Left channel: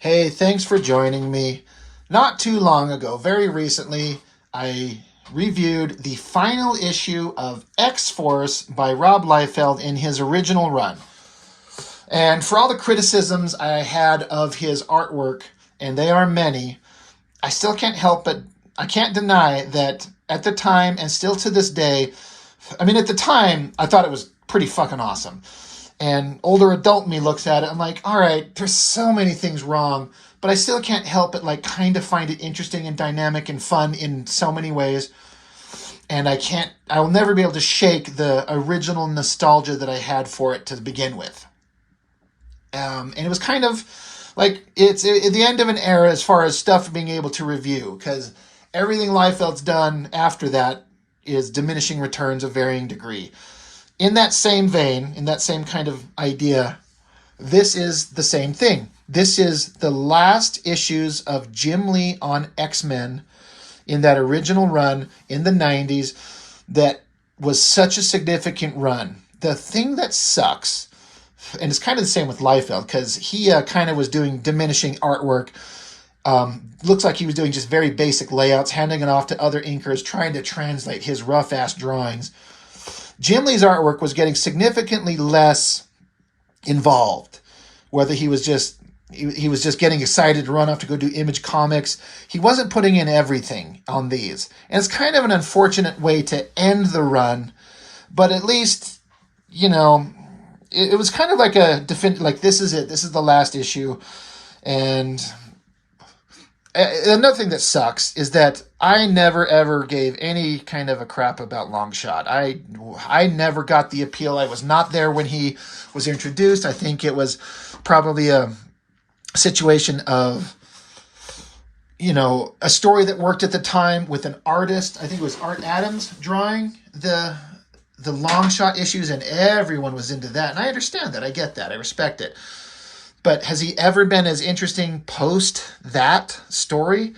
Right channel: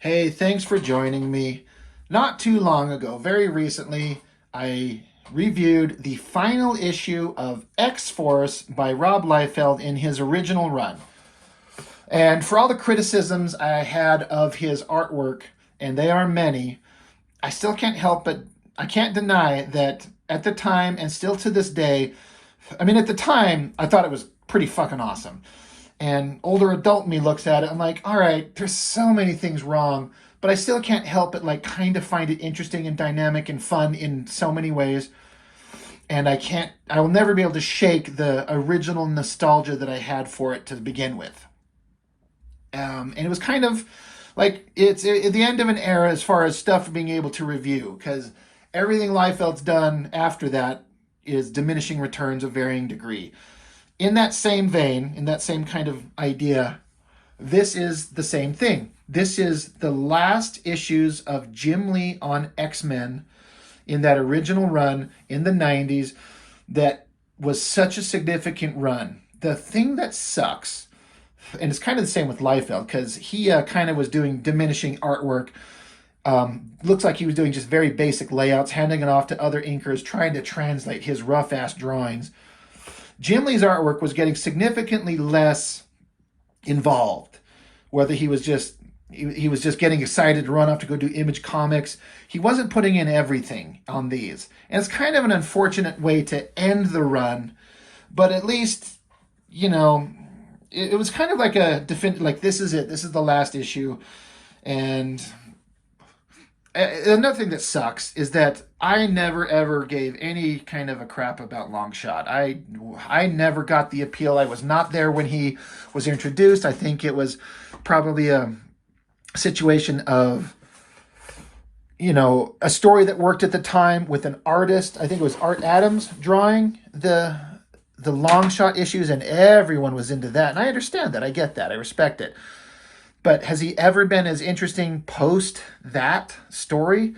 Hey, thanks for joining me. Not too long ago, very recently, I reviewed the final issue of X-Force by Rob Liefeld in his original run. And for all the criticisms I had of his artwork, and they are many, I still can't help but I can't deny that at the time and still to this day, at the time, I thought it was pretty fucking awesome. And older adult me looks at it, I'm like, all right, there's so many things wrong, but I still can't help but like kind of find it interesting and dynamic and fun in so many ways. And I will never be able to shake the original nostalgia that I had for it to begin with. And it was kind of like it's at the end of an era as far as stuff being able to review, because everything Liefeld's done after that is diminishing returns of varying degree. In that same vein, in that same kind of idea, this is the same thing. This is the last issues of Jim Lee on X-Men in that original run in the 90s that was such a significant run. The thing that sucks, and it's kind of the same with Liefeld, because he kind of was doing diminishing artwork. Looks like he was doing just very basic layouts, handing it off to other inkers, trying to translate his rough-ass drawings. Jim Lee's artwork was getting significantly less involved. Whether he was just getting excited to run off to go do Image Comics, he wasn't putting in everything on these. And it's kind of an unfortunate way to end the run, but at least, it was kind of like like this is it. This is the last issue. And another thing that sucks is that I never ever gave any kind of a crap about Longshot. I never got the appeal. I was not there when he was introduced. I think it was probably a situation of, a story that worked at the time with an artist. I think it was Art Adams drawing the Longshot issues, and everyone was into that. And I understand that. I get that. I respect it. But has he ever been as interesting post that story?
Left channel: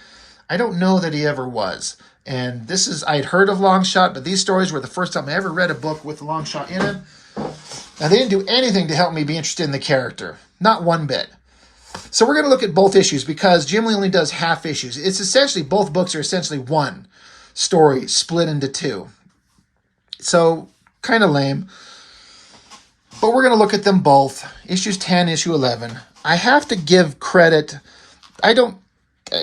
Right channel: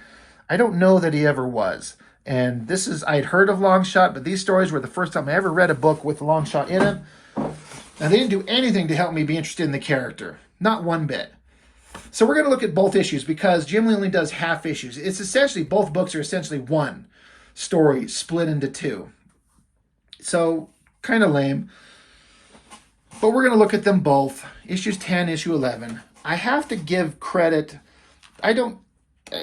I don't know that he ever was. And I'd heard of Longshot, but these stories were the first time I ever read a book with Longshot in it. Now, they didn't do anything to help me be interested in the character. Not one bit. So we're going to look at both issues because Jim Lee only does half issues. Both books are essentially one story split into two. So, kind of lame. But we're going to look at them both. Issues 10, issue 11. I have to give credit.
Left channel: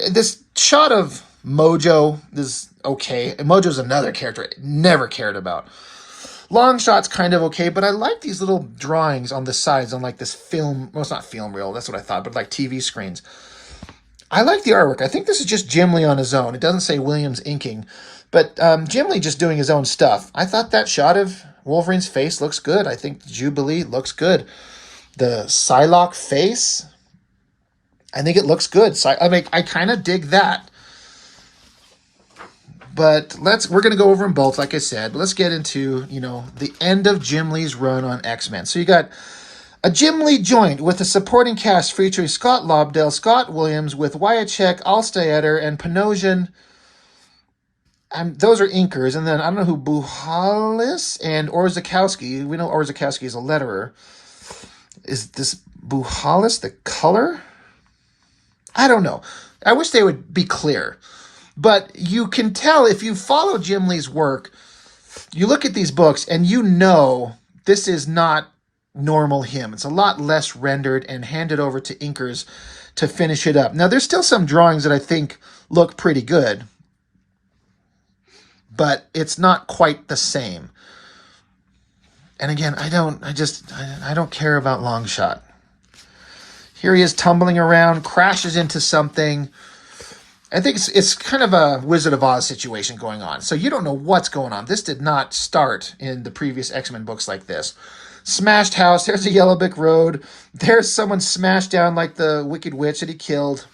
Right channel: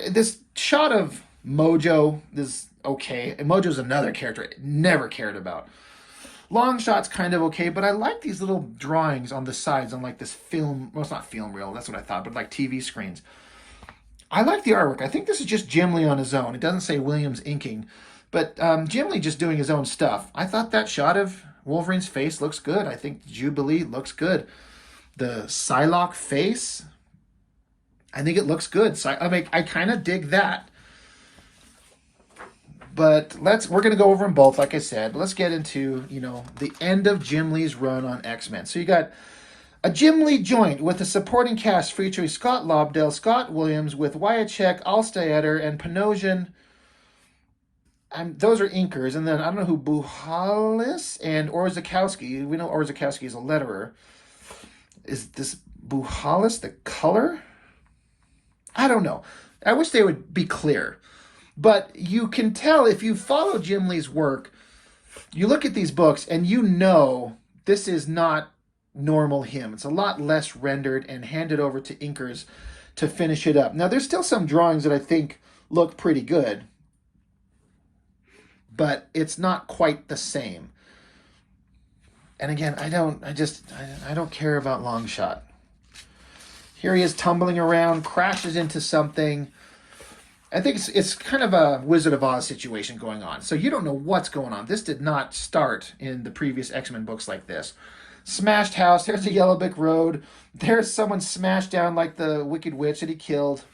This shot of Mojo is okay. And Mojo's another character I never cared about. Longshot's kind of okay, but I like these little drawings on the sides on like this film. Well, it's not film reel. That's what I thought, but like TV screens. I like the artwork. I think this is just Jim Lee on his own. It doesn't say Williams inking. But Jim Lee just doing his own stuff. I thought that shot of Wolverine's face looks good. I think Jubilee looks good. The Psylocke face, I think it looks good. I kind of dig that. But we're going to go over them both, like I said. But let's get into, the end of Jim Lee's run on X-Men. So you got a Jim Lee joint with a supporting cast featuring Scott Lobdell, Scott Williams, with Wyacek, Alstaetter, and Panosian. Those are inkers. And then I don't know who Buhalis and Orzakowski. We know Orzakowski is a letterer. Is this Buhalis the color? I don't know. I wish they would be clear. But you can tell if you follow Jim Lee's work, you look at these books and this is not normal him. It's a lot less rendered and handed over to inkers to finish it up. Now, there's still some drawings that I think look pretty good, but it's not quite the same. And again, I don't care about Longshot. Here he is tumbling around, crashes into something. I think it's kind of a Wizard of Oz situation going on. So you don't know what's going on. This did not start in the previous X-Men books like this. Smashed house. There's a Yellow Brick Road. There's someone smashed down like the Wicked Witch that he killed.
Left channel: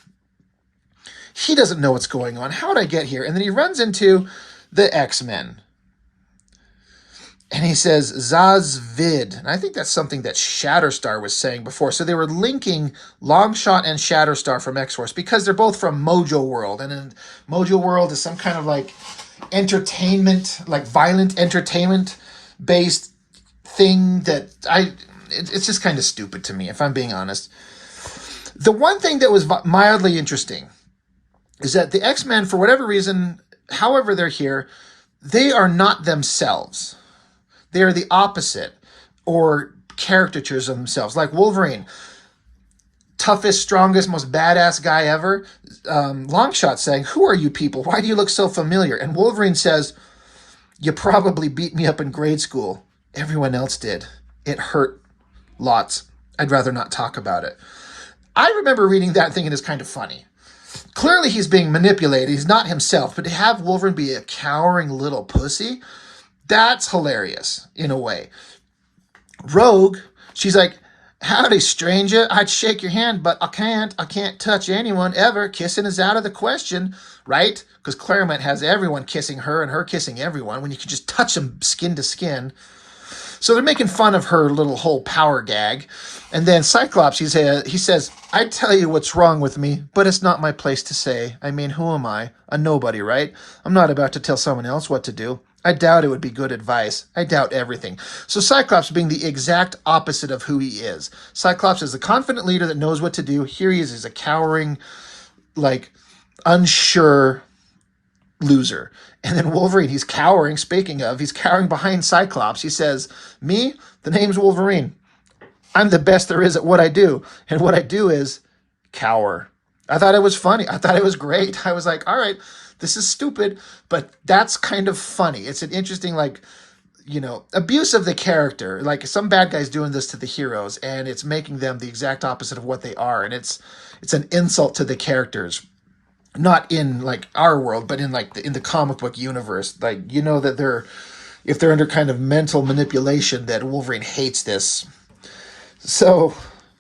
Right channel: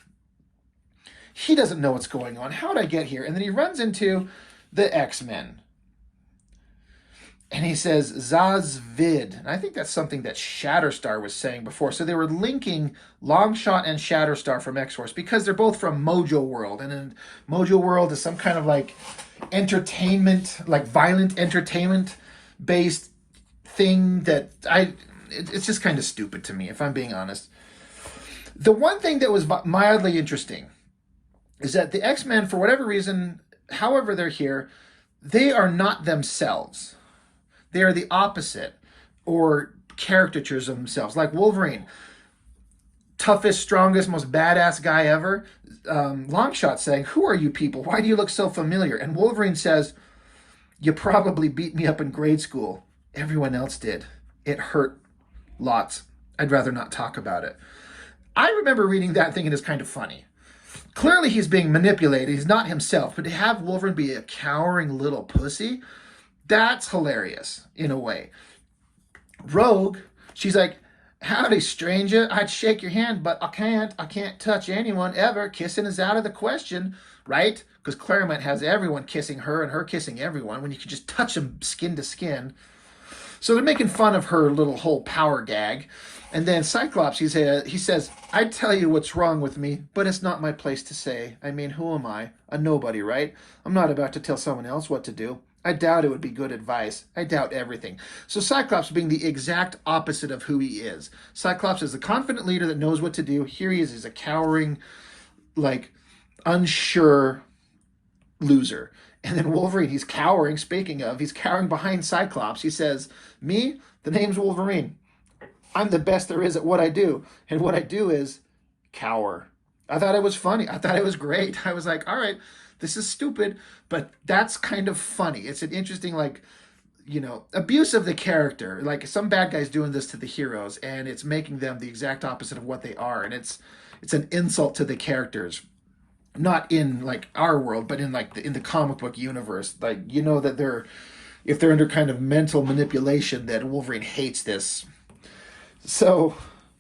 He doesn't know what's going on. How did I get here? And then he runs into the X-Men. And he says, Zazvid. And I think that's something that Shatterstar was saying before. So they were linking Longshot and Shatterstar from X-Force because they're both from Mojo World. And in Mojo World is some kind of like entertainment, like violent entertainment-based thing that it's just kind of stupid to me, if I'm being honest. The one thing that was mildly interesting is that the X-Men, for whatever reason, however they're here, they are not themselves. They are the opposite, or caricatures of themselves. Like Wolverine, toughest, strongest, most badass guy ever. Longshot saying, "Who are you people? Why do you look so familiar?" And Wolverine says, "You probably beat me up in grade school. Everyone else did. It hurt lots. I'd rather not talk about it." I remember reading that and thinking it's kind of funny. Clearly he's being manipulated. He's not himself. But to have Wolverine be a cowering little pussy, that's hilarious in a way. Rogue, she's like, "Howdy, stranger. I'd shake your hand, but I can't. I can't touch anyone ever. Kissing is out of the question," right? Because Claremont has everyone kissing her and her kissing everyone when you can just touch them skin to skin. So they're making fun of her little whole power gag. And then Cyclops, he says, "I'd tell you what's wrong with me, but it's not my place to say. I mean, who am I? A nobody, right? I'm not about to tell someone else what to do. I doubt it would be good advice. I doubt everything." So Cyclops being the exact opposite of who he is. Cyclops is a confident leader that knows what to do. Here he is, he's a cowering, like, unsure loser. And then Wolverine, he's cowering, speaking of, he's cowering behind Cyclops. He says, "Me, the name's Wolverine. I'm the best there is at what I do. And what I do is cower." I thought it was funny. I thought it was great. I was like, all right, this is stupid, but that's kind of funny. It's an interesting, like, abuse of the character. Like, some bad guy's doing this to the heroes, and it's making them the exact opposite of what they are. And it's an insult to the characters. Not in, like, our world, but in, like, in the comic book universe. Like, that if they're under kind of mental manipulation, that Wolverine hates this. So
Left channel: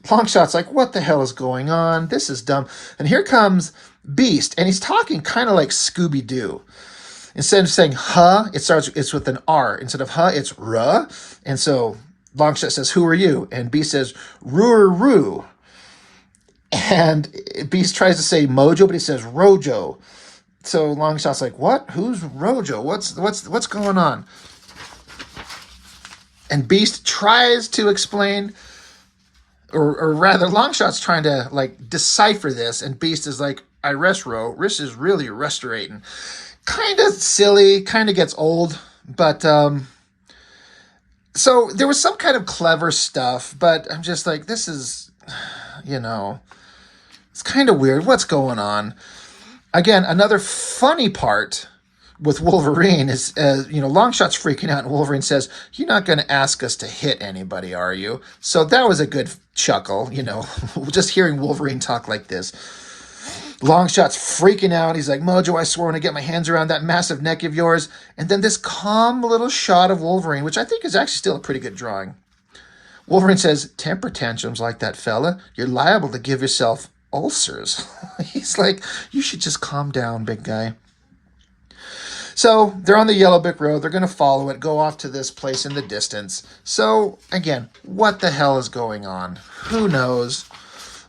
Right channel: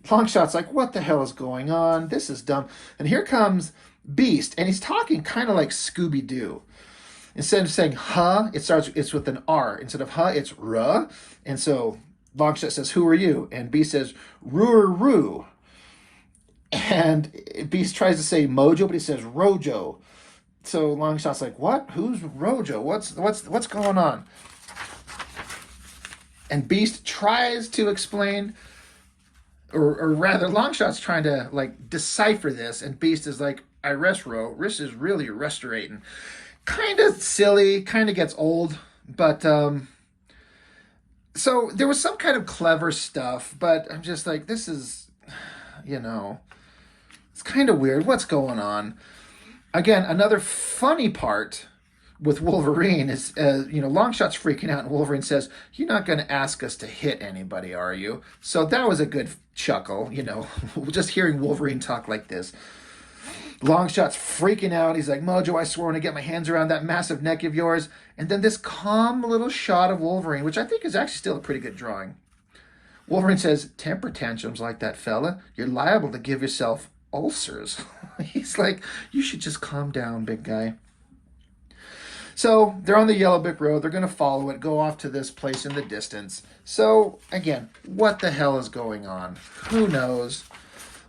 Longshot's like, "What the hell is going on? This is dumb." And here comes Beast, and he's talking kind of like Scooby-Doo. Instead of saying "huh," it's with an R. Instead of "huh," it's "ruh." And so Longshot says, "Who are you?" And Beast says, "Roo-roo." And Beast tries to say Mojo, but he says Rojo. So Longshot's like, "What? Who's Rojo? What's going on?" And Beast tries to explain, or rather, Longshot's trying to, like, decipher this, and Beast is like, "I restro. Riss is really restorating." Kind of silly, kind of gets old, but so there was some kind of clever stuff, but I'm just like, this is, it's kind of weird. What's going on? Again, another funny part with Wolverine is, Longshot's freaking out, and Wolverine says, "You're not going to ask us to hit anybody, are you?" So that was a good chuckle, just hearing Wolverine talk like this. Longshot's freaking out. He's like, "Mojo, I swore when I get my hands around that massive neck of yours." And then this calm little shot of Wolverine, which I think is actually still a pretty good drawing. Wolverine says, "Temper tantrums like that, fella. You're liable to give yourself ulcers." He's like, "You should just calm down, big guy." So they're on the Yellow Brick Road. They're going to follow it, go off to this place in the distance. So again, what the hell is going on? Who knows?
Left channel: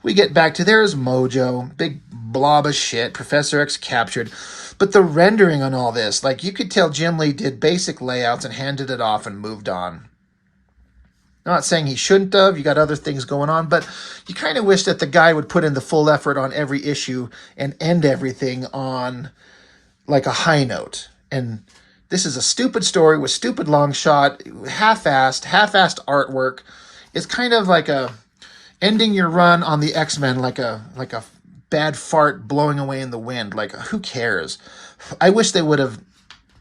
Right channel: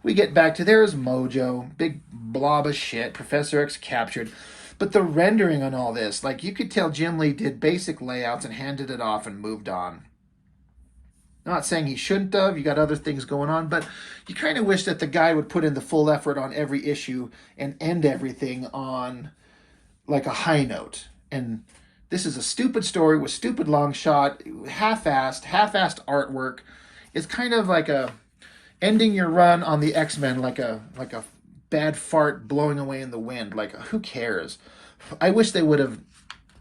We get back to there's Mojo, big blob of shit, Professor X captured. But the rendering on all this, like, you could tell Jim Lee did basic layouts and handed it off and moved on. I'm not saying he shouldn't have. You got other things going on, but you kind of wish that the guy would put in the full effort on every issue and end everything on, like, a high note. And this is a stupid story with stupid Longshot, half-assed artwork. It's kind of like ending your run on the X-Men like a bad fart blowing away in the wind. Like, who cares? I wish they would have,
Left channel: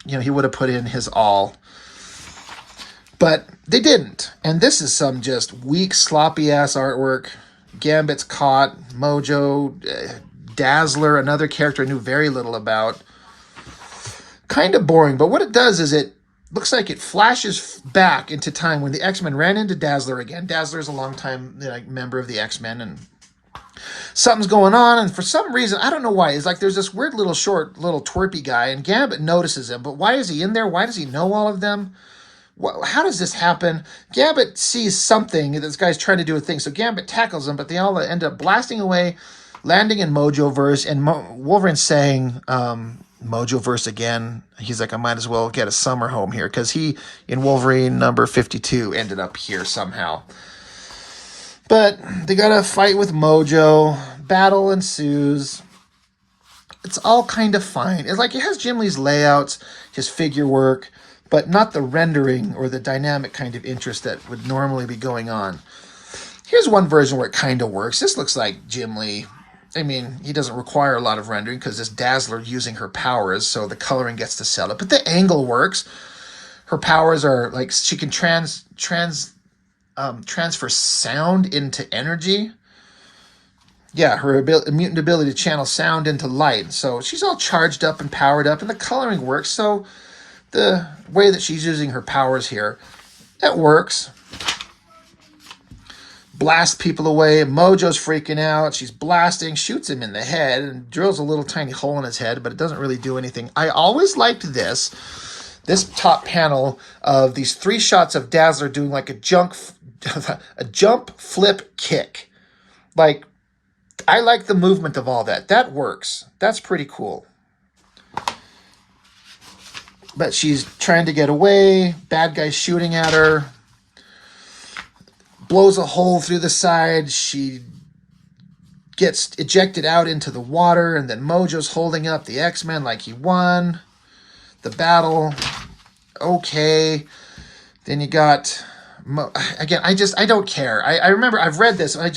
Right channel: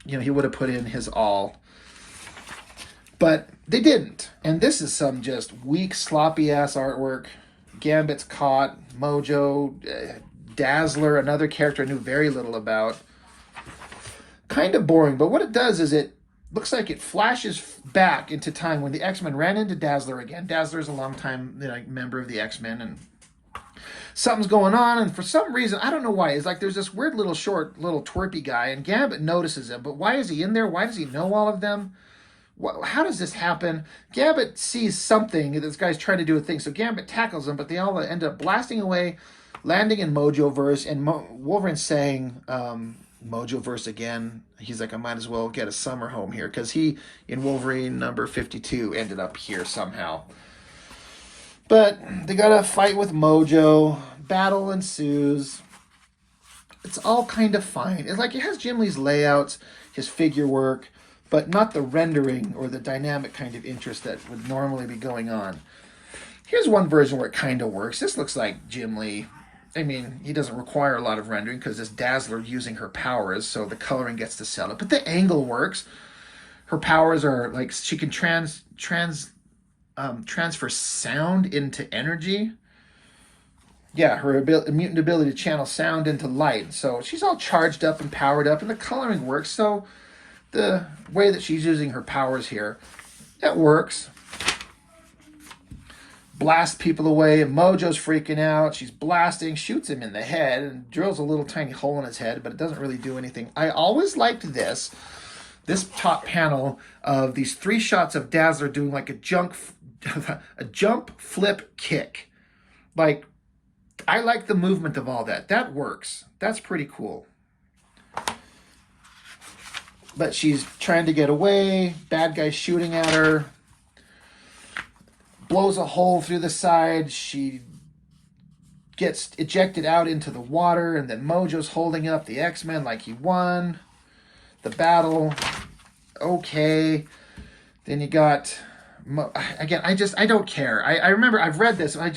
he would have put in his all. But they didn't. And this is some just weak, sloppy-ass artwork. Gambit's caught. Mojo, Dazzler, another character I knew very little about. Kind of boring, but what it does is it looks like it flashes back into time when the X-Men ran into Dazzler again. Dazzler is a longtime member of the X-Men, and something's going on, and for some reason, I don't know why, it's like there's this weird little short, little twerpy guy, and Gambit notices him, but why is he in there? Why does he know all of them? How does this happen? Gambit sees something, this guy's trying to do a thing, so Gambit tackles him, but they all end up blasting away, landing in Mojoverse, and Wolverine's saying, Mojoverse again. He's like, I might as well get a summer home here, because he, in Wolverine number 52, ended up here somehow. But they got to fight with Mojo. Battle ensues. It's all kind of fine. It's like it has Jim Lee's layouts, his figure work, but not the rendering or the dynamic kind of interest that would normally be going on. Here's one version where it kind of works. This looks like Jim Lee. I mean, he doesn't require a lot of rendering because this Dazzler using her powers, so the coloring gets to sell it. But the angle works. Her powers are like she can transfer sound into energy. Yeah, her mutant ability to channel sound into light. So she's all charged up and powered up, and the coloring works. So the way that she's using her powers here, that works. Blast people away. Mojo's freaking out. She's blasting, shoots him in the head, and drills a little tiny hole in his head, but it doesn't really do anything. I always liked this top panel of these 3 shots of Dazzler doing like a jump flip kick. Like, I like the movement of all that. That works. That's pretty cool. But she's trying to get away. Bad guy shooting at her. Blows a hole through the side. She gets ejected out into the water. And then Mojo's holding up the X-Men like he won the battle. Okay. Then you got... Again, I don't care. I remember I've read this. I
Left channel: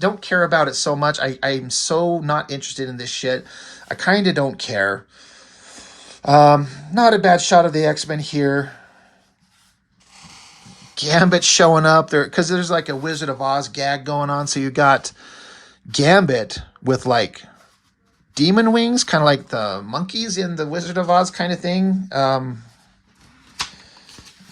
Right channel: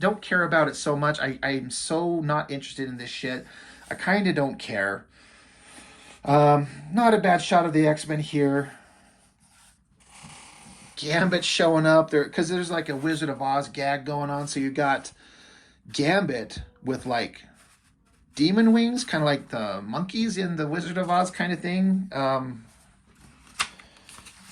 don't care about it so much. I'm so not interested in this shit. I kind of don't care. Not a bad shot of the X-Men here. Gambit showing up there because there's like a Wizard of Oz gag going on. So you got Gambit with like demon wings, kind of like the monkeys in the Wizard of Oz kind of thing.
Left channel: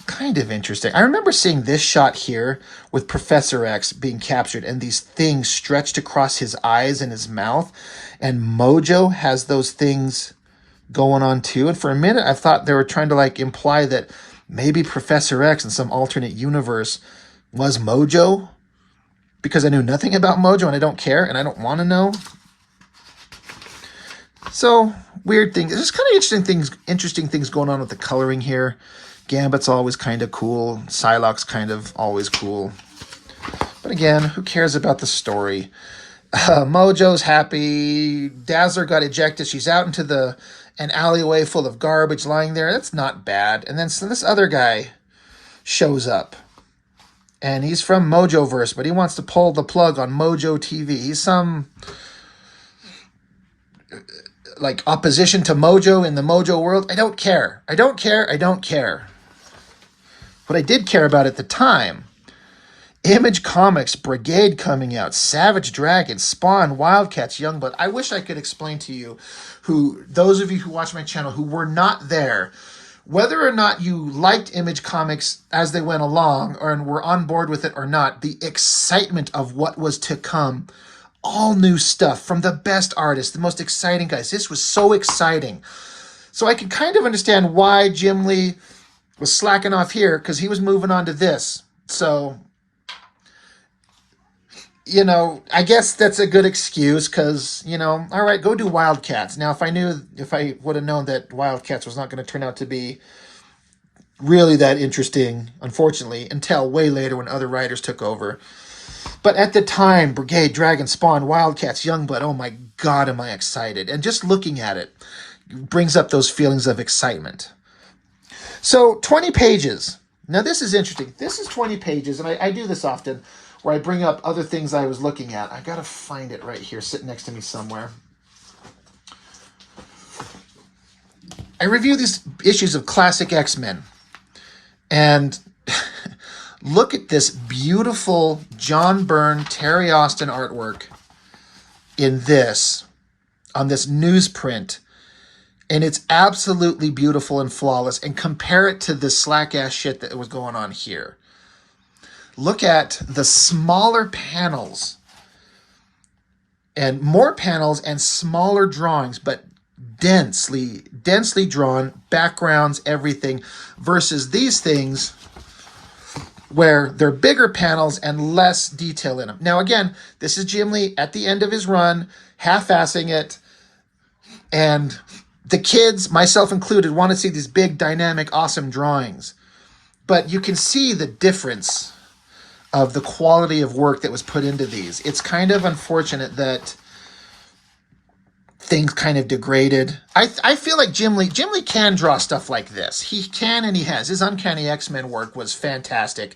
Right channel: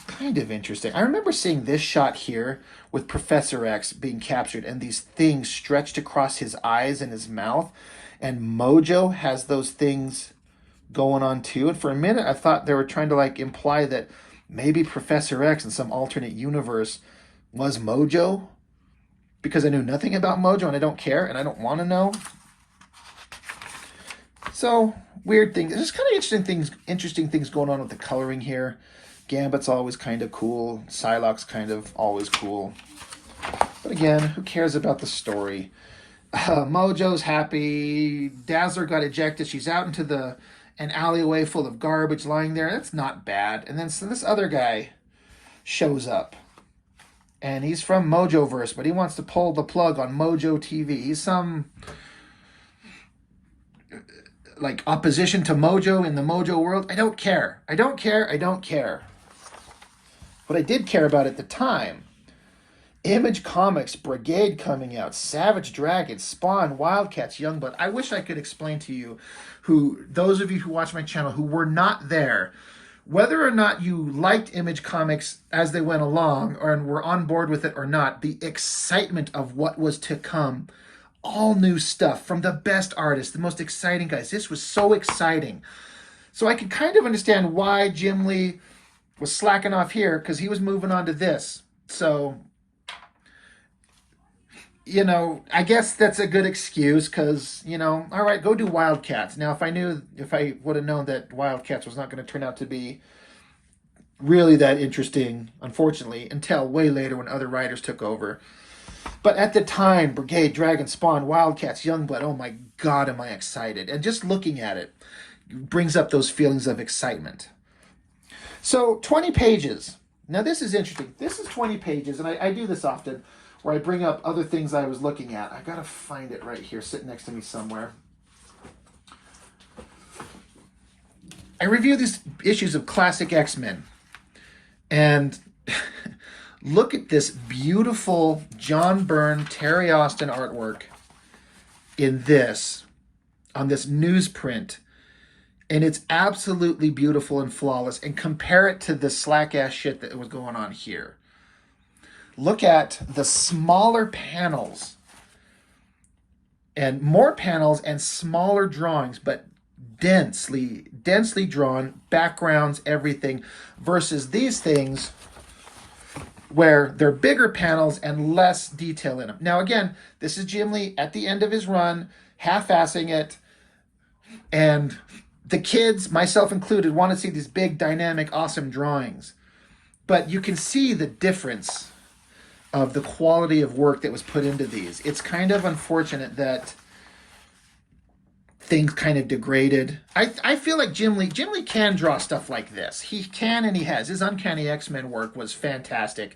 Kind of interesting. I remember seeing this shot here with Professor X being captured and these things stretched across his eyes and his mouth, and Mojo has those things going on too. And for a minute I thought they were trying to like imply that maybe Professor X in some alternate universe was Mojo, because I knew nothing about Mojo and I don't care and I don't want to know. So weird things. There's kind of interesting things going on with the coloring here. Gambit's always kind of cool. Psylocke's kind of always cool. But again, who cares about the story? Mojo's happy. Dazzler got ejected. She's out into an alleyway full of garbage lying there. That's not bad. And then so this other guy shows up. And he's from Mojoverse, but he wants to pull the plug on Mojo TV. He's some... like opposition to Mojo in the Mojo world. I don't care. I don't care. I don't care. What I did care about at the time, Image Comics, Brigade coming out, Savage Dragon, Spawn, Wildcats, Youngblood. I wish I could explain to you, those of you who watch my channel who were not there, whether or not you liked Image Comics as they went along and were on board with it or not, the excitement of what was to come. All new stuff from the best artists, the most exciting guys. This was so exciting. So I can kind of understand why Jim Lee was slacking off here, because he was moving on to this. So, you know, I guess that's a good excuse because, you know, all right, go do Wildcats. Now, if I would have known that Wildcats was not going to turn out to be really that interesting, unfortunately, until way later when other writers took over. But at the time, Brigade, Dragon, Spawn, Wildcats, Youngblood, oh my God, am I excited. And just looking at it brings up those feelings of excitement. So 20 pages. Now this is interesting. This is 20 pages, and I do this often, where I bring up other things I was looking at. I got to find it right here, sitting next to me somewhere. I review these issues of classic X-Men. And... look at this beautiful John Byrne, Terry Austin artwork in this, on this newsprint. And it's absolutely beautiful and flawless. And compare it to the slack-ass shit that was going on here. Look at the smaller panels. And more panels and smaller drawings, but densely drawn, backgrounds, everything, versus these things where they're bigger panels and less detail in them. Now, again, this is Jim Lee at the end of his run, half-assing it, and the kids, myself included, want to see these big, dynamic, awesome drawings. But you can see the difference of the quality of work that was put into these. It's kind of unfortunate that things kind of degraded. I feel like Jim Lee can draw stuff like this. He can, and he has. His Uncanny X-Men work was fantastic.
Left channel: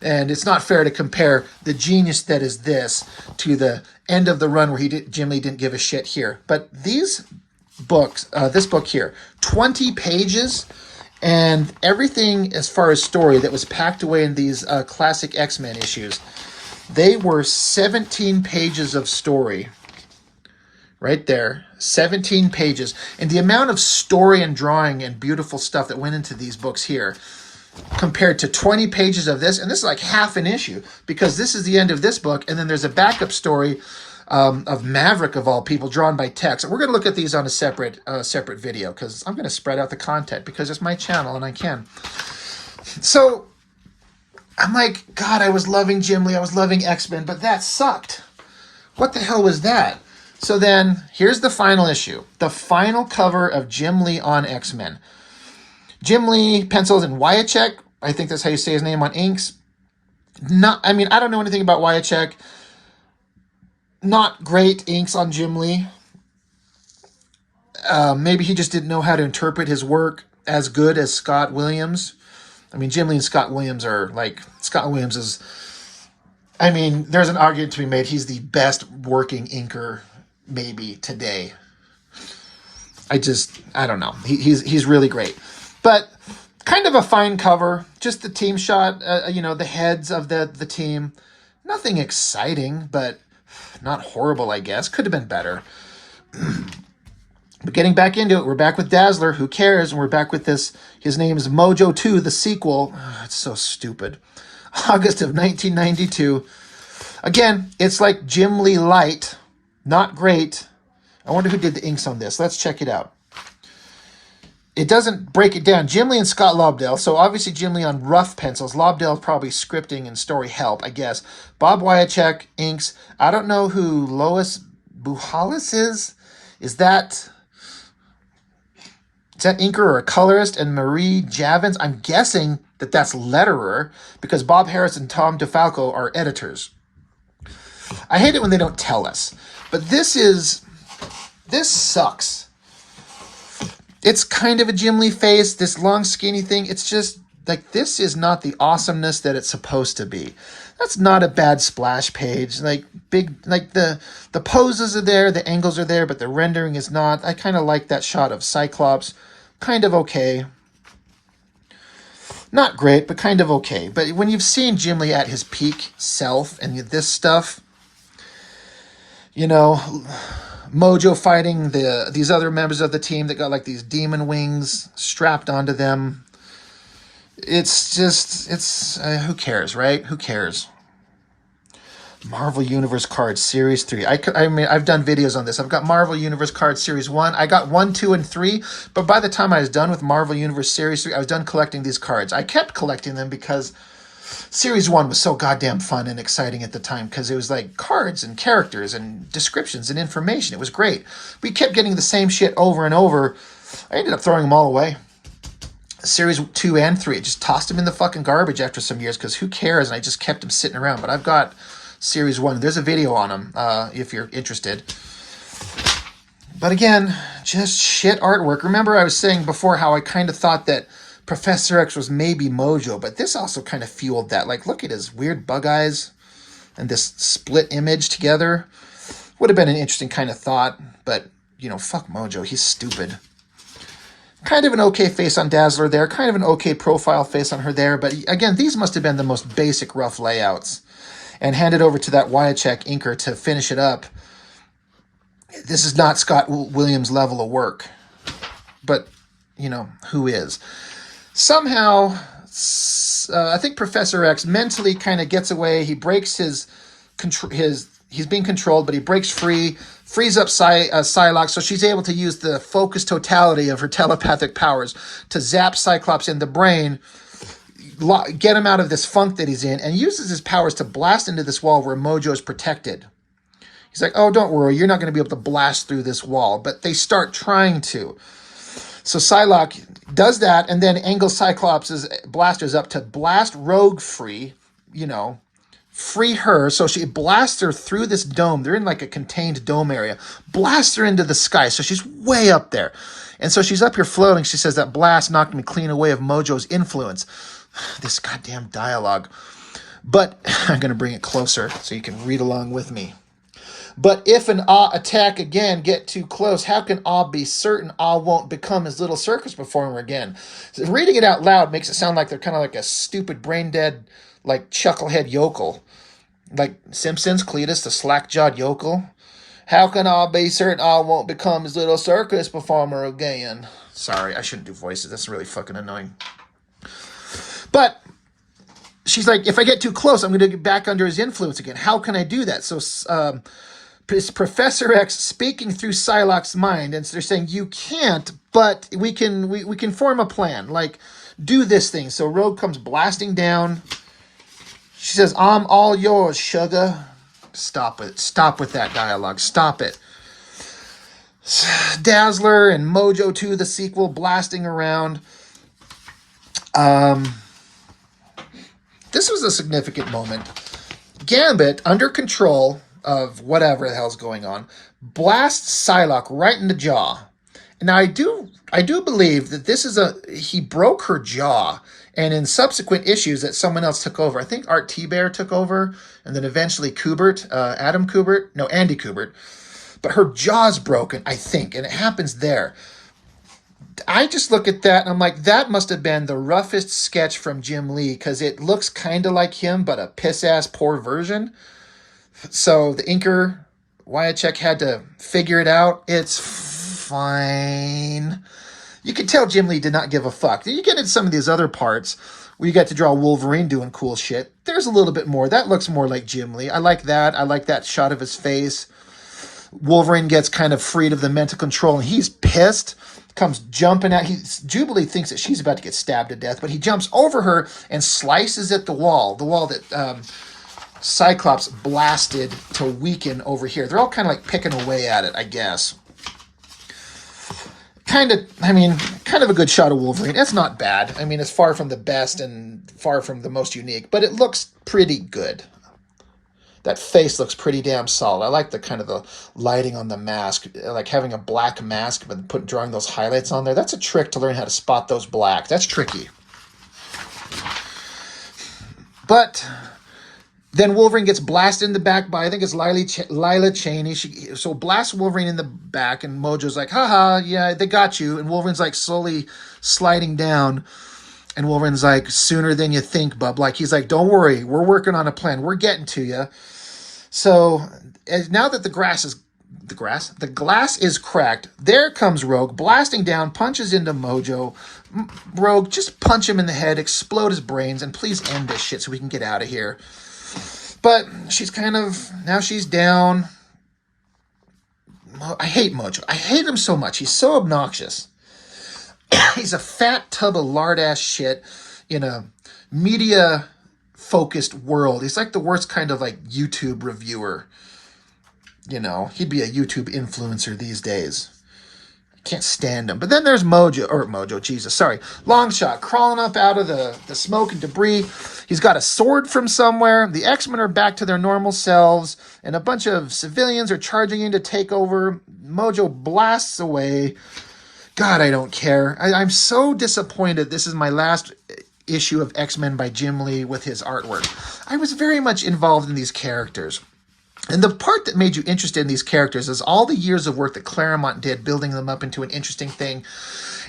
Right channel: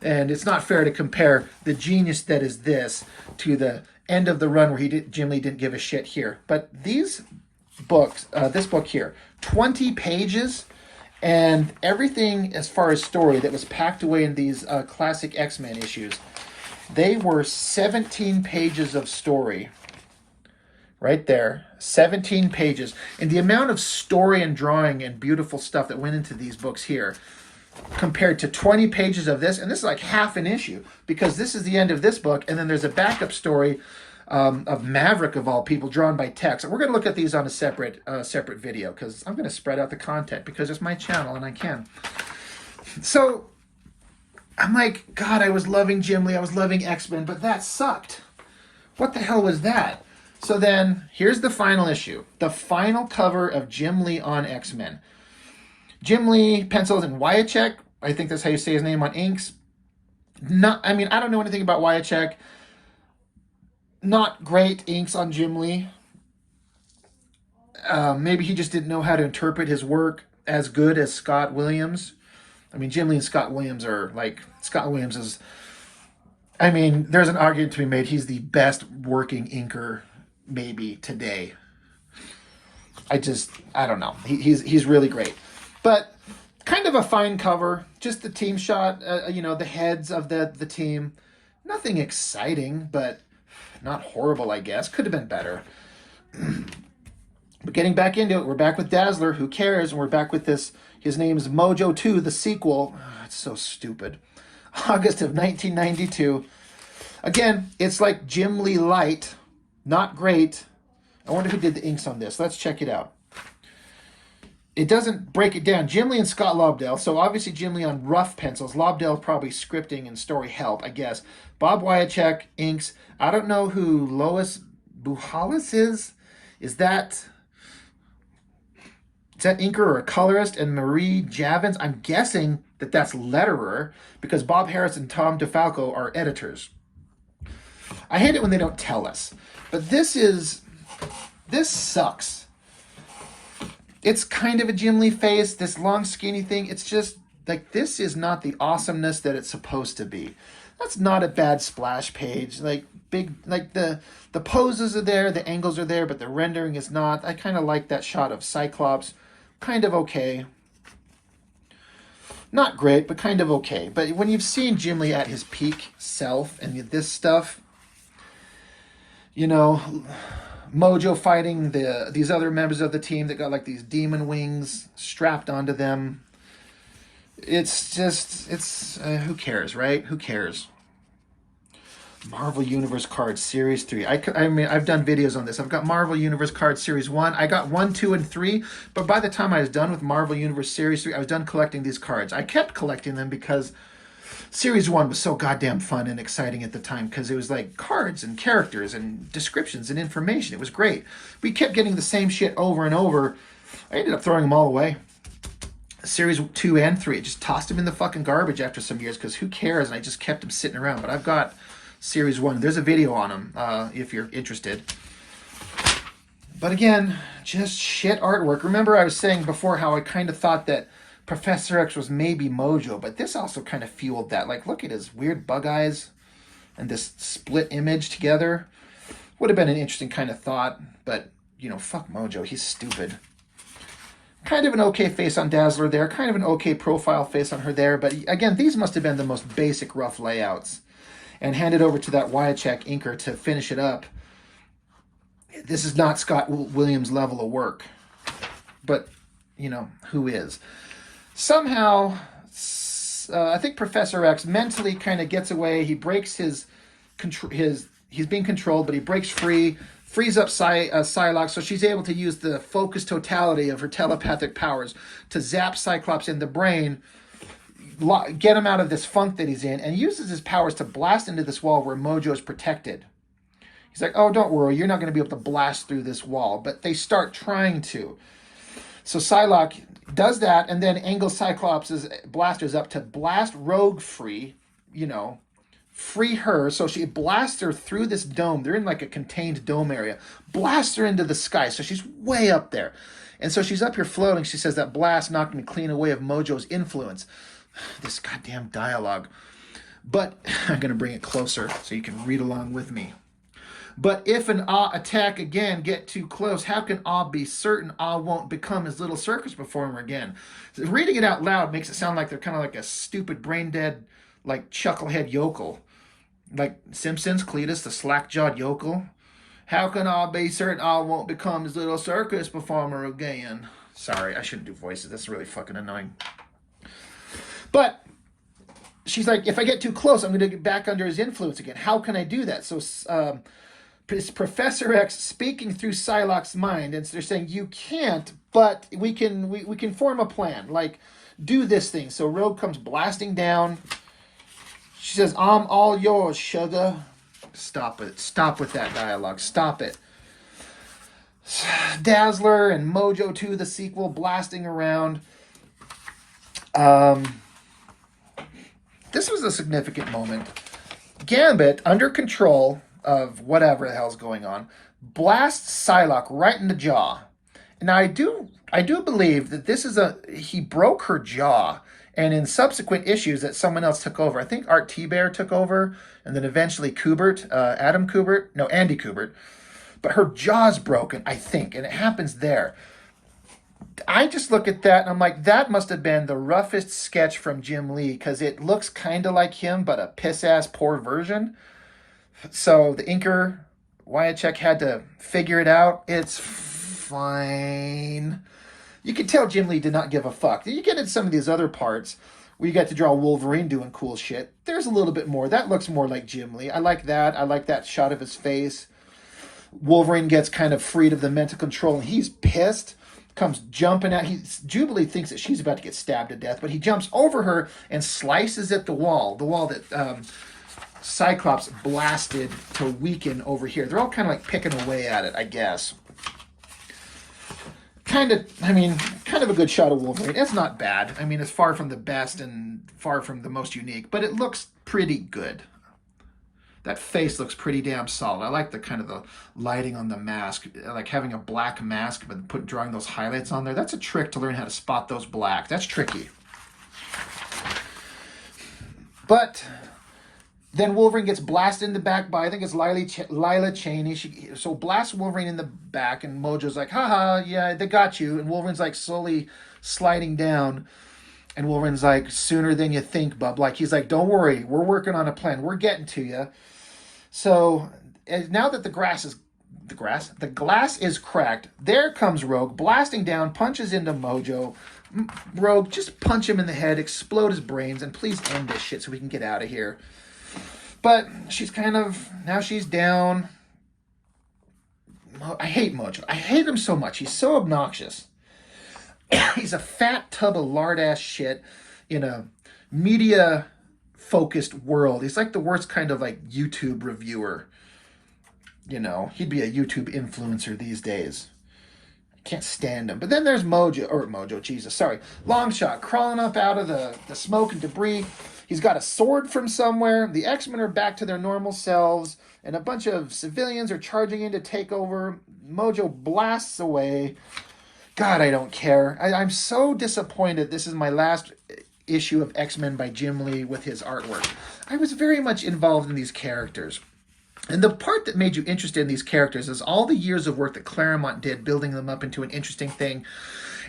And it's not fair to compare the genius that is this to the end of the run where Jim Lee didn't give a shit here. But these books, this book here, 20 pages, and everything as far as story that was packed away in these classic X-Men issues, they were 17 pages of story. Right there, 17 pages. And the amount of story and drawing and beautiful stuff that went into these books here compared to 20 pages of this, and this is like half an issue, because this is the end of this book, and then there's a backup story of Maverick, of all people, drawn by Tex. We're going to look at these on a separate video, because I'm going to spread out the content, because it's my channel, and I can. So, I'm like, God, I was loving Jim Lee, I was loving X-Men, but that sucked. What the hell was that? So then, here's the final issue. The final cover of Jim Lee on X-Men. Jim Lee pencils and Wyachek, I think that's how you say his name, on inks. I don't know anything about Wyachek. Not great inks on Jim Lee. Maybe he just didn't know how to interpret his work as good as Scott Williams. I mean, Jim Lee and Scott Williams are like, Scott Williams is, there's an argument to be made. He's the best working inker maybe today. I don't know. He's really great. But kind of a fine cover. Just the team shot, the heads of the team. Nothing exciting, but not horrible, I guess. Could have been better. But getting back into it, we're back with Dazzler. Who cares? And we're back with this. His name is Mojo 2, the sequel. Oh, it's so stupid. August of 1992. Again, it's like Jim Lee light. Not great. I wonder who did the inks on this. Let's check it out. It doesn't break it down. Jim Lee and Scott Lobdell. So obviously Jim Lee on rough pencils. Lobdell probably scripting and story help, I guess. Bob Wyachek inks. I don't know who Lois Buhalis is. Is that inker or a colorist? And Marie Javins, I'm guessing that's letterer, because Bob Harris and Tom DeFalco are editors. I hate it when they don't tell us. But this sucks. It's kind of a Jim Lee face, this long skinny thing. It's just like, this is not the awesomeness that it's supposed to be. That's not a bad splash page. Like the poses are there, the angles are there, but the rendering is not. I kind of like that shot of Cyclops. Kind of okay. Not great, but kind of okay. But when you've seen Jim Lee at his peak self and this stuff, Mojo fighting these other members of the team that got like these demon wings strapped onto them. It's who cares, right? Who cares? Marvel Universe Cards Series 3. I've done videos on this. I've got Marvel Universe Cards Series 1. I got 1, 2, and 3, but by the time I was done with Marvel Universe Series 3, I was done collecting these cards. I kept collecting them because Series 1 was so goddamn fun and exciting at the time, because it was like cards and characters and descriptions and information. It was great. We kept getting the same shit over and over. I ended up throwing them all away. Series 2 and 3. I just tossed them in the fucking garbage after some years, because who cares? And I just kept them sitting around. But I've got Series 1. There's a video on them if you're interested. But again, just shit artwork. Remember I was saying before how I kind of thought that Professor X was maybe Mojo, but this also kind of fueled that. Like, look at his weird bug eyes and this split image together. Would have been an interesting kind of thought, but, fuck Mojo. He's stupid. Kind of an okay face on Dazzler there. Kind of an okay profile face on her there. But again, these must have been the most basic rough layouts. And handed over to that Wyachek inker to finish it up. This is not Scott Williams' level of work. But, who is? Somehow, I think Professor X mentally kind of gets away. He breaks he's being controlled, but he breaks free, frees up Psylocke, so she's able to use the focused totality of her telepathic powers to zap Cyclops in the brain, get him out of this funk that he's in, and uses his powers to blast into this wall where Mojo is protected. He's like, oh, don't worry, you're not going to be able to blast through this wall, but they start trying to. So Psylocke does that, and then angles Cyclops' blasters up to blast Rogue free, free her. So she blasts her through this dome. They're in like a contained dome area. Blasts her into the sky. So she's way up there. And so she's up here floating. She says, that blast knocked me clean away of Mojo's influence. This goddamn dialogue. But I'm going to bring it closer so you can read along with me. But if an Ah attack again, get too close, how can Ah be certain Ah won't become his little circus performer again? So reading it out loud makes it sound like they're kind of like a stupid, brain-dead, like chucklehead yokel. Like Simpsons, Cletus, the slack-jawed yokel. How can Ah be certain Ah won't become his little circus performer again? Sorry, I shouldn't do voices. That's really fucking annoying. But she's like, if I get too close, I'm going to get back under his influence again. How can I do that? So it's Professor X speaking through Psylocke's mind, and so they're saying, you can't, but we can form a plan. Like, do this thing. So Rogue comes blasting down. She says, I'm all yours, sugar. Stop it. Stop with that dialogue. Stop it. Dazzler and Mojo 2, the sequel, blasting around. This was a significant moment. Gambit, under control of whatever the hell's going on, blasts Psylocke right in the jaw. Now, I do believe that this is he broke her jaw, and in subsequent issues that someone else took over. I think Art T-Bear took over, and then eventually Kubert, Andy Kubert. But her jaw's broken, I think, and it happens there. I just look at that, and I'm like, that must have been the roughest sketch from Jim Lee, because it looks kind of like him, but a piss-ass poor version. So the inker, Wyachek, had to figure it out. It's fine. You can tell Jim Lee did not give a fuck. You get into some of these other parts where you get to draw Wolverine doing cool shit. There's a little bit more. That looks more like Jim Lee. I like that. I like that shot of his face. Wolverine gets kind of freed of the mental control, and he's pissed. Comes jumping out. Jubilee thinks that she's about to get stabbed to death, but he jumps over her and slices at the wall that Cyclops blasted to weaken over here. They're all kind of like picking away at it, I guess. Kind of a good shot of Wolverine. It's not bad. I mean, it's far from the best and far from the most unique, but it looks pretty good. That face looks pretty damn solid. I like the kind of the lighting on the mask, like having a black mask, but drawing those highlights on there. That's a trick to learn how to spot those black. That's tricky. But then Wolverine gets blasted in the back by, I think it's Lila Cheney. So blasts Wolverine in the back, and Mojo's like, haha, yeah, they got you. And Wolverine's like slowly sliding down. And Wolverine's like, sooner than you think, bub. Like, he's like, don't worry, we're working on a plan. We're getting to you. So now that the glass is cracked, there comes Rogue, blasting down, punches into Mojo. Rogue, just punch him in the head, explode his brains, and please end this shit so we can get out of here. But now she's down. I hate Mojo. I hate him so much. He's so obnoxious. He's a fat tub of lard-ass shit in a media-focused world. He's like the worst kind of like YouTube reviewer. You know, he'd be a YouTube influencer these days. I can't stand him. But then there's Longshot, crawling up out of the smoke and debris. He's got a sword from somewhere. The X-Men are back to their normal selves, and a bunch of civilians are charging in to take over. Mojo blasts away. God, I don't care. I'm so disappointed. This is my last issue of X-Men by Jim Lee with his artwork. I was very much involved in these characters. And the part that made you interested in these characters is all the years of work that Claremont did, building them up into an interesting thing.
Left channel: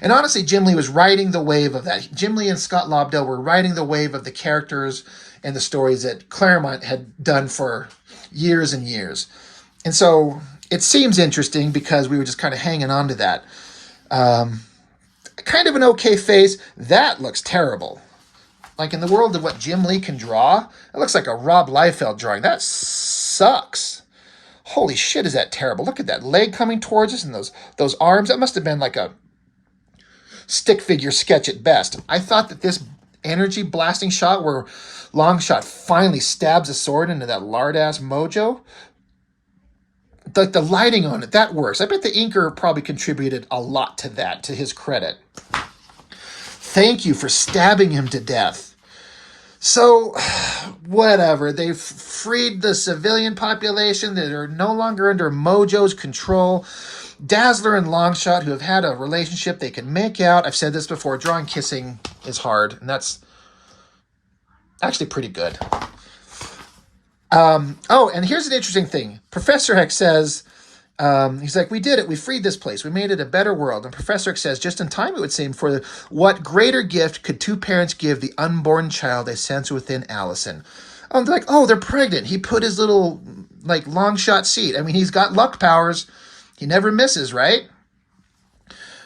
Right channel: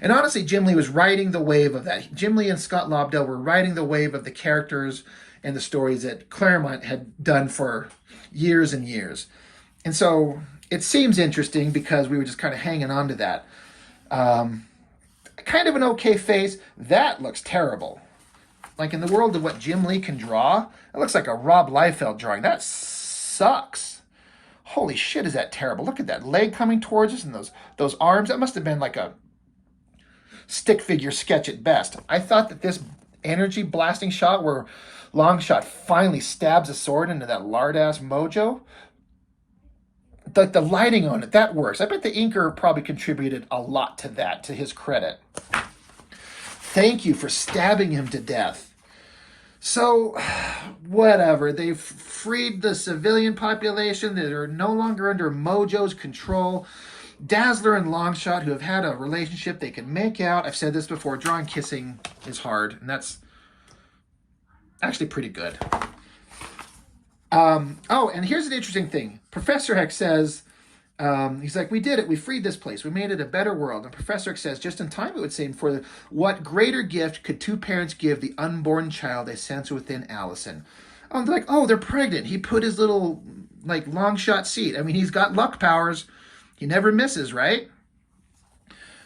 And honestly, Jim Lee was riding the wave of that. Jim Lee and Scott Lobdell were riding the wave of the characters and the stories that Claremont had done for years and years. And so it seems interesting because we were just kind of hanging on to that. Kind of an okay face. That looks terrible. Like in the world of what Jim Lee can draw, it looks like a Rob Liefeld drawing. That sucks. Holy shit, is that terrible. Look at that leg coming towards us and those arms. That must have been like a stick figure sketch at best. I thought that this energy blasting shot where Longshot finally stabs a sword into that lard-ass Mojo, the lighting on it, that works. I bet the inker probably contributed a lot to that, to his credit. Thank you for stabbing him to death. So, whatever. They've freed the civilian population that are no longer under Mojo's control. Dazzler and Longshot, who have had a relationship they can make out. I've said this before, drawing kissing is hard, and that's actually pretty good. Oh, and here's an interesting thing. Professor X says, he's like, we did it. We freed this place. We made it a better world. And Professor X says, just in time, it would seem, for what greater gift could two parents give the unborn child they sense within Allison? Oh, they're like, oh, they're pregnant. He put his little, like, long shot seat. I mean, he's got luck powers. He never misses, right?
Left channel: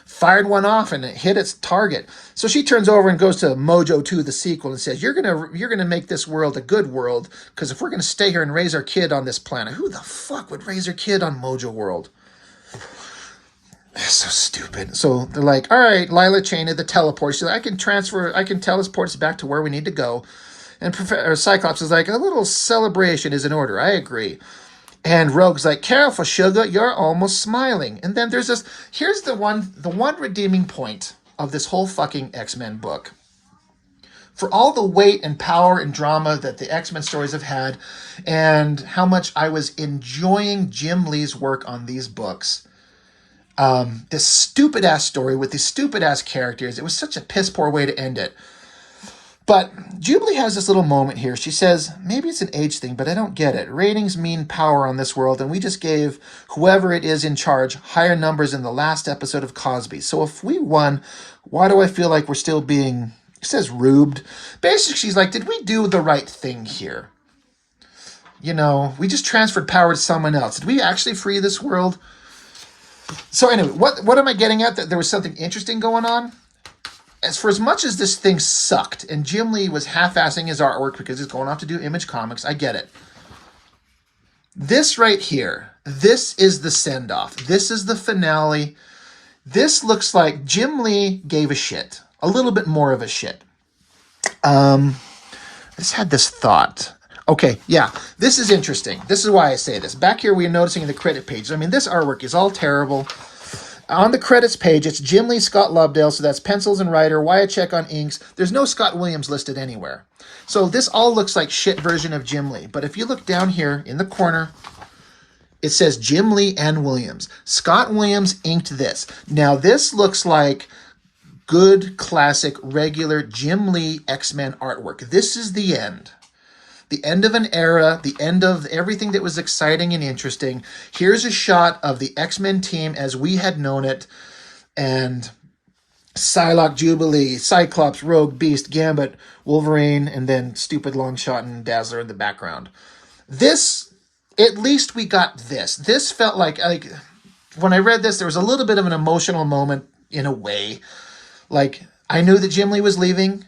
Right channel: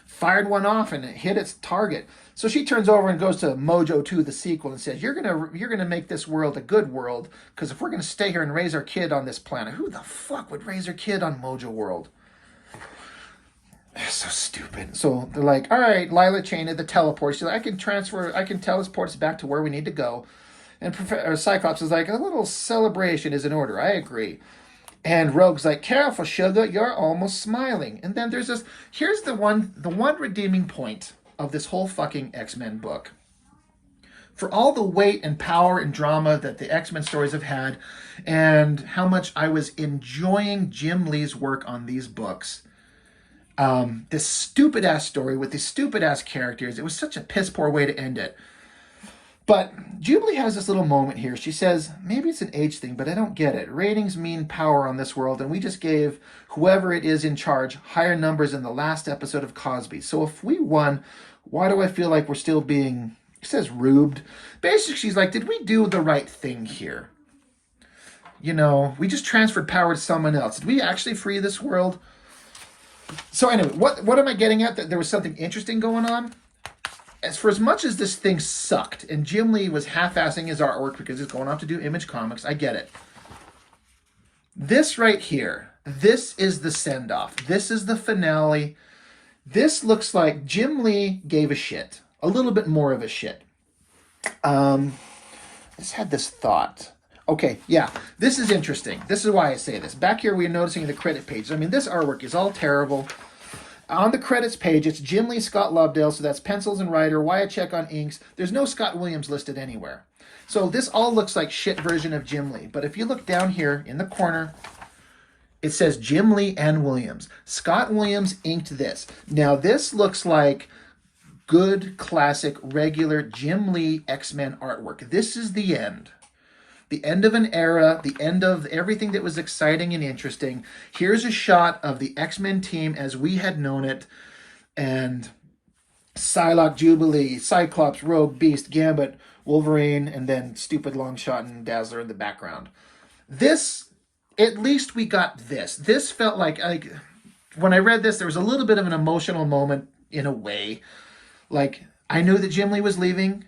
Fired one off and it hit its target. So she turns over and goes to Mojo 2, the sequel, and says, you're gonna make this world a good world, because if we're gonna stay here and raise our kid on this planet, who the fuck would raise their kid on Mojo World? So stupid. So they're like, all right, Lila Cheney, the teleport. She's like, I can teleport us back to where we need to go. And Cyclops is like, a little celebration is in order. I agree. And Rogue's like, careful, sugar, you're almost smiling. And then there's this, here's the one redeeming point of this whole fucking X-Men book. For all the weight and power and drama that the X-Men stories have had, and how much I was enjoying Jim Lee's work on these books, this stupid-ass story with these stupid-ass characters, it was such a piss-poor way to end it. But Jubilee has this little moment here. She says, maybe it's an age thing, but I don't get it. Ratings mean power on this world, and we just gave whoever it is in charge higher numbers in the last episode of Cosby. So if we won, why do I feel like we're still being, she says, rubed? Basically, she's like, did we do the right thing here? You know, we just transferred power to someone else. Did we actually free this world? So anyway, what am I getting at? That there was something interesting going on? As much as this thing sucked, and Jim Lee was half-assing his artwork because he's going off to do Image Comics, I get it. This right here, this is the send-off. This is the finale. This looks like Jim Lee gave a shit. A little bit more of a shit. I just had this thought. Okay, yeah, this is interesting. This is why I say this. Back here, we're noticing the credit pages. I mean, this artwork is all terrible. On the credits page, it's Jim Lee, Scott Lobdell, so that's pencils and writer, Wyachek on inks. There's no Scott Williams listed anywhere. So this all looks like shit version of Jim Lee. But if you look down here in the corner, it says Jim Lee and Williams. Scott Williams inked this. Now this looks like good, classic, regular Jim Lee X-Men artwork. This is the end. The end of an era, the end of everything that was exciting and interesting. Here's a shot of the X-Men team as we had known it. And Psylocke, Jubilee, Cyclops, Rogue, Beast, Gambit, Wolverine, and then stupid Longshot and Dazzler in the background. This, at least we got this. This felt like when I read this, there was a little bit of an emotional moment in a way. Like, I knew that Jim Lee was leaving.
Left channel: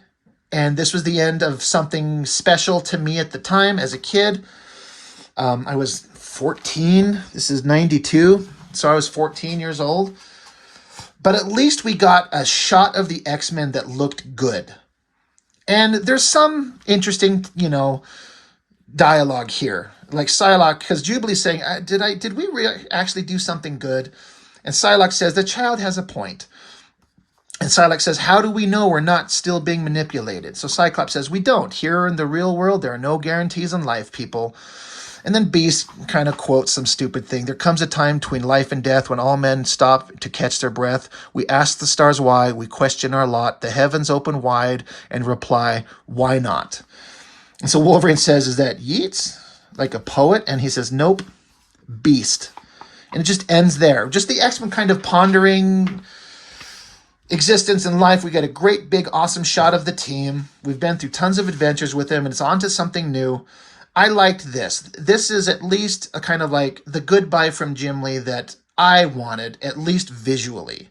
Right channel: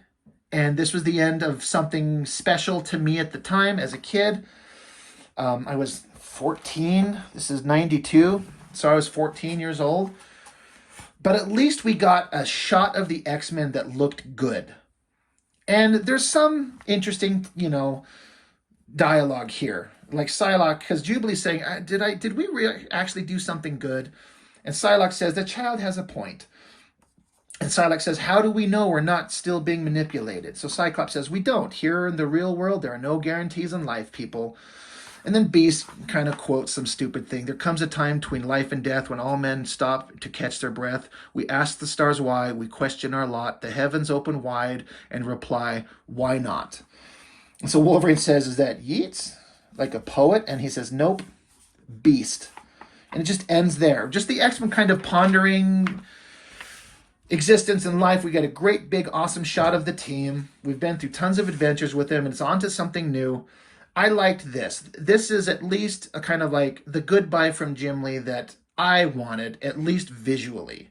And this was the end of something special to me at the time as a kid. I was 14. This is 92. So I was 14 years old. But at least we got a shot of the X-Men that looked good. And there's some interesting, dialogue here. Like Psylocke, because Jubilee's saying, did we actually do something good? And Psylocke says, the child has a point. And Psylocke says, how do we know we're not still being manipulated? So Cyclops says, we don't. Here in the real world, there are no guarantees in life, people. And then Beast kind of quotes some stupid thing. There comes a time between life and death when all men stop to catch their breath. We ask the stars why. We question our lot. The heavens open wide and reply, why not? And so Wolverine says, is that Yeats? Like a poet? And he says, nope, Beast. And it just ends there. Just the X-Men kind of pondering existence in life. We get a great big awesome shot of the team. We've been through tons of adventures with them, and it's on to something new. I liked this. This is at least a kind of like the goodbye from Jim Lee that I wanted, at least visually.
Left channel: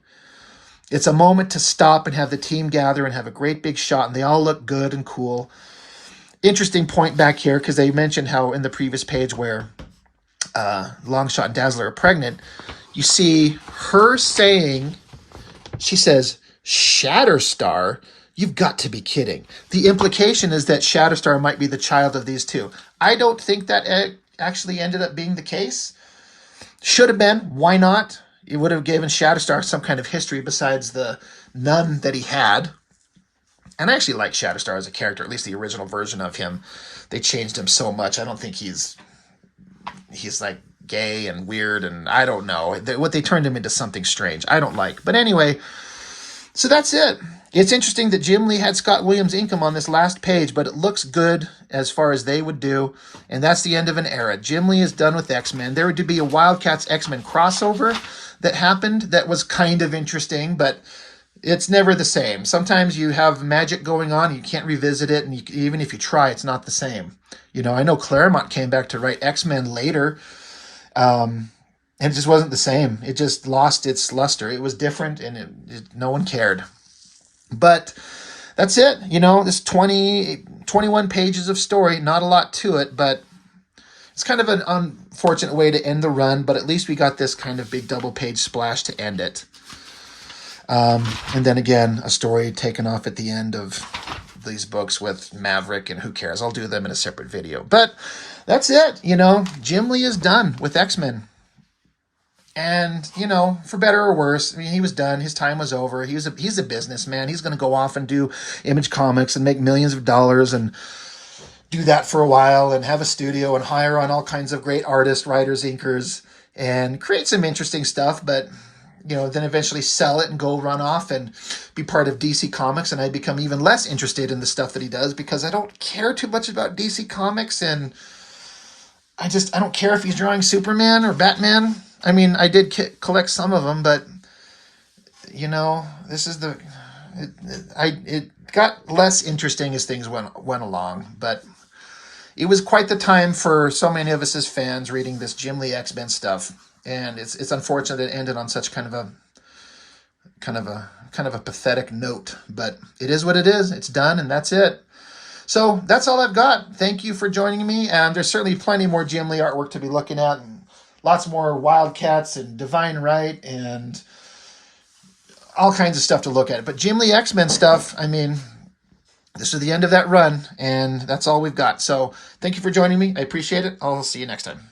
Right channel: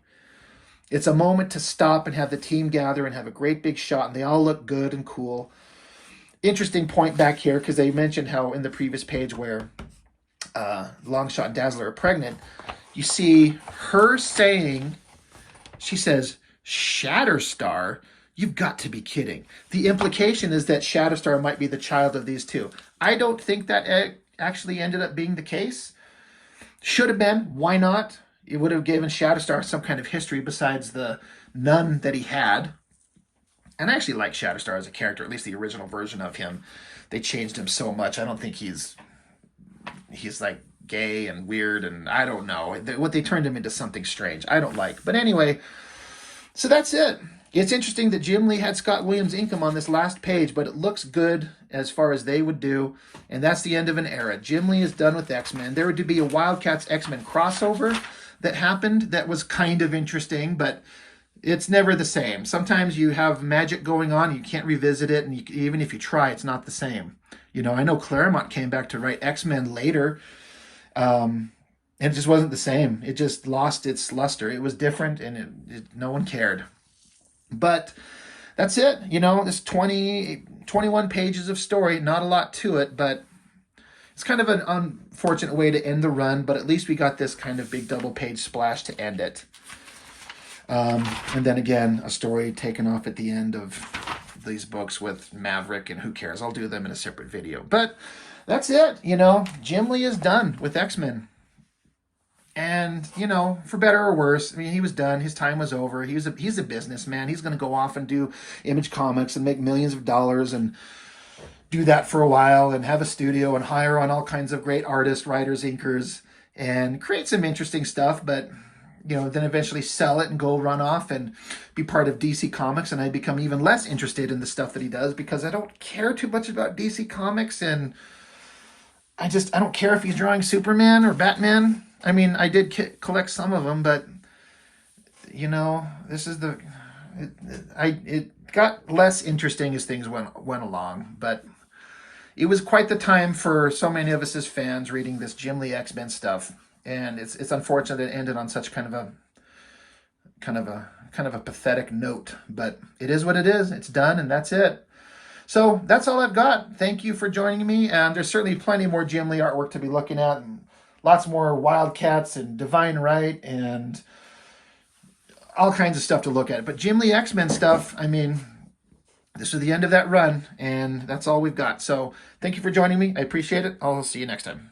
It's a moment to stop and have the team gather and have a great big shot, and they all look good and cool. Interesting point back here, because they mentioned how in the previous page where Longshot and Dazzler are pregnant, you see her saying, she says, Shatterstar? You've got to be kidding. The implication is that Shatterstar might be the child of these two. I don't think that actually ended up being the case. Should have been. Why not? It would have given Shatterstar some kind of history besides the none that he had. And I actually like Shatterstar as a character, at least the original version of him. They changed him so much. I don't think he's like gay and weird, and I don't know. What they turned him into something strange. I don't like. But anyway, so that's it. It's interesting that Jim Lee had Scott Williams ink him on this last page, but it looks good as far as they would do. And that's the end of an era. Jim Lee is done with X-Men. There would be a Wildcats X-Men crossover that happened that was kind of interesting, but it's never the same. Sometimes you have magic going on, you can't revisit it, and even if you try, it's not the same. You know, I know Claremont came back to write X-Men later, and it just wasn't the same. It just lost its luster. It was different, and no one cared. But that's it. You know, this 21 pages of story, not a lot to it, but it's kind of an unfortunate way to end the run, but at least we got this kind of big double-page splash to end it. And then again, a story taken off at the end of these books with Maverick, and who cares? I'll do them in a separate video. But that's it. You know, Jim Lee is done with X-Men. And, you know, for better or worse, I mean, he was done. His time was over. He's a businessman. He's going to go off and do Image Comics and make millions of dollars and do that for a while and have a studio and hire on all kinds of great artists, writers, inkers, and create some interesting stuff. But, you know, then eventually sell it and go run off and be part of DC Comics. And I become even less interested in the stuff that he does because I don't care too much about DC Comics. And I don't care if he's drawing Superman or Batman. I mean, I did collect some of them, but, you know, this is it got less interesting as things went along, but it was quite the time for so many of us as fans reading this Jim Lee X-Men stuff, and it's unfortunate it ended on such kind of a pathetic note, but it is what it is. It's done, and that's it. So that's all I've got. Thank you for joining me, and there's certainly plenty more Jim Lee artwork to be looking at, and lots more Wildcats and Divine Right and all kinds of stuff to look at. But Jim Lee X-Men stuff, I mean, this is the end of that run, and that's all we've got. So thank you for joining me. I appreciate it. I'll see you next time.